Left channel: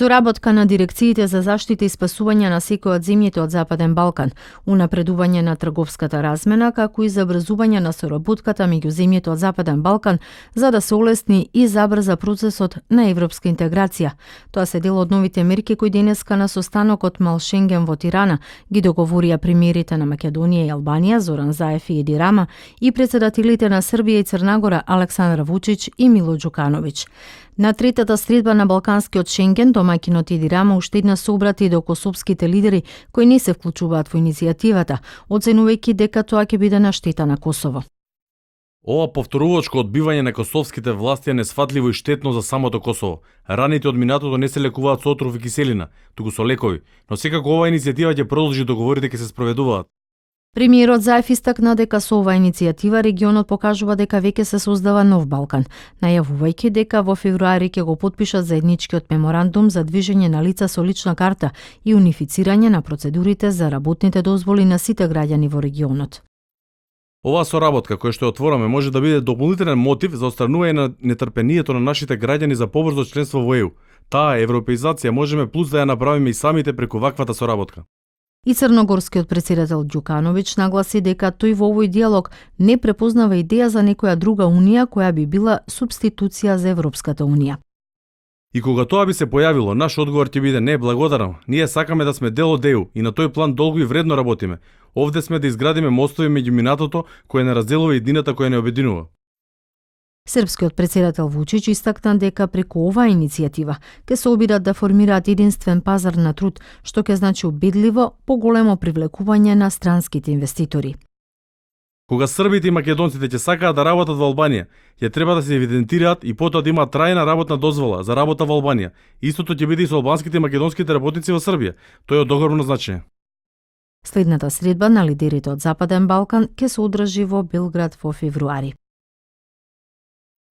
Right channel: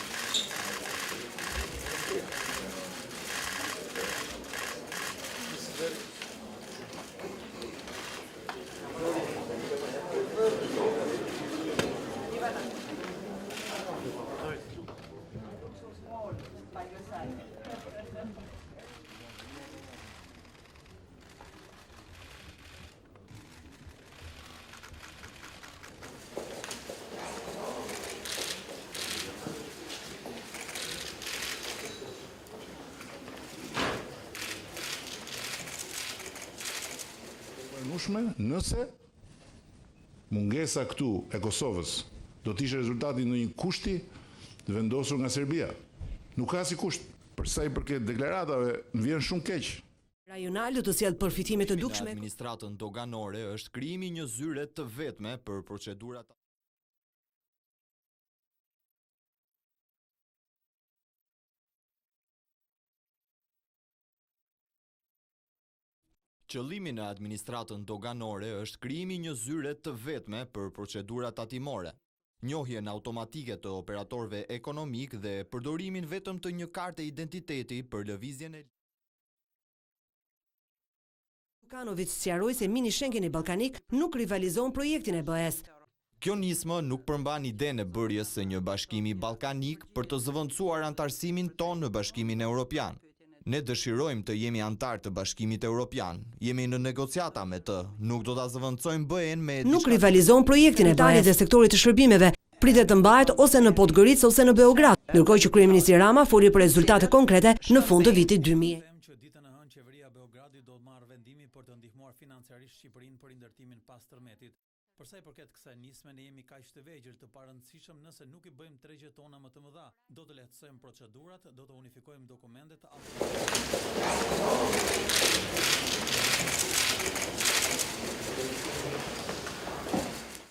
Соработка на дирекциите за заштита и спасување на секој од земјите од Западен Балкан, унапредување на трговската размена, како и забрзување на соработката меѓу земјите од Западен Балкан, за да се олесни и забрза процесот на европска интеграција. Тоа се дел од новите мерки кои денеска на состанокот Мал Шенген во Тирана ги договорија премиерите на Македонија и Албанија Зоран Заев и Еди Рама и председателите на Србија и Црнагора Александар Вучич и Мило Џукановиќ. На третата средба на Балканскиот Шенген, домаќинот Еди Рама уште еднаш се обрати до косовските лидери кои не се вклучуваат во иницијативата, оценувајќи дека тоа ќе биде на штета на Косово. Ова повторувачко одбивање на косовските власти е несфатливо и штетно за самото Косово. Раните од минатото не се лекуваат со отров и киселина, туку со лекови, но секако оваа иницијатива ќе продолжи договорите ќе се спроведуваат. Премиерот Заев истакна дека со оваа иницијатива регионот покажува дека веќе се создава нов Балкан, најавувајќи дека во февруари ќе го потпишат заедничкиот меморандум за движење на лица со лична карта и унифицирање на процедурите за работните дозволи на сите граѓани во регионот. Оваа соработка која што ја отвораме може да биде дополнителен мотив за отстранување на нетрпението на нашите граѓани за побрзо членство во ЕУ. Таа европеизација можеме плюс да ја направиме и самите преку ваквата соработка. И црногорскиот председател Џукановиќ нагласи дека тој во овој диалог не препознава идеја за некоја друга унија која би била субституција за Европската унија. И кога тоа би се појавило, наш одговор ќе биде не, благодарам. Ние сакаме да сме дел од ЕУ и на тој план долго и вредно работиме. Овде сме да изградиме мостови меѓу минатото кој не разделува едината која не обединува. Српскиот председател Вучич истакна дека преку оваа иницијатива ќе се обидат да формираат единствен пазар на труд, што ќе значи убедливо поголемо привлекување на странските инвеститори. Кога србите и македонците ќе сакаат да работат во Албанија, ќе треба да се евидентираат и потоа да имаат трајна работна дозвола за работа во Албанија. Истото ќе биде и со албанските и македонските работници во Србија. Тоа е од огромно значење. Следната средба на лидерите од Западен Балкан ќе се одржи во Белград во февруари.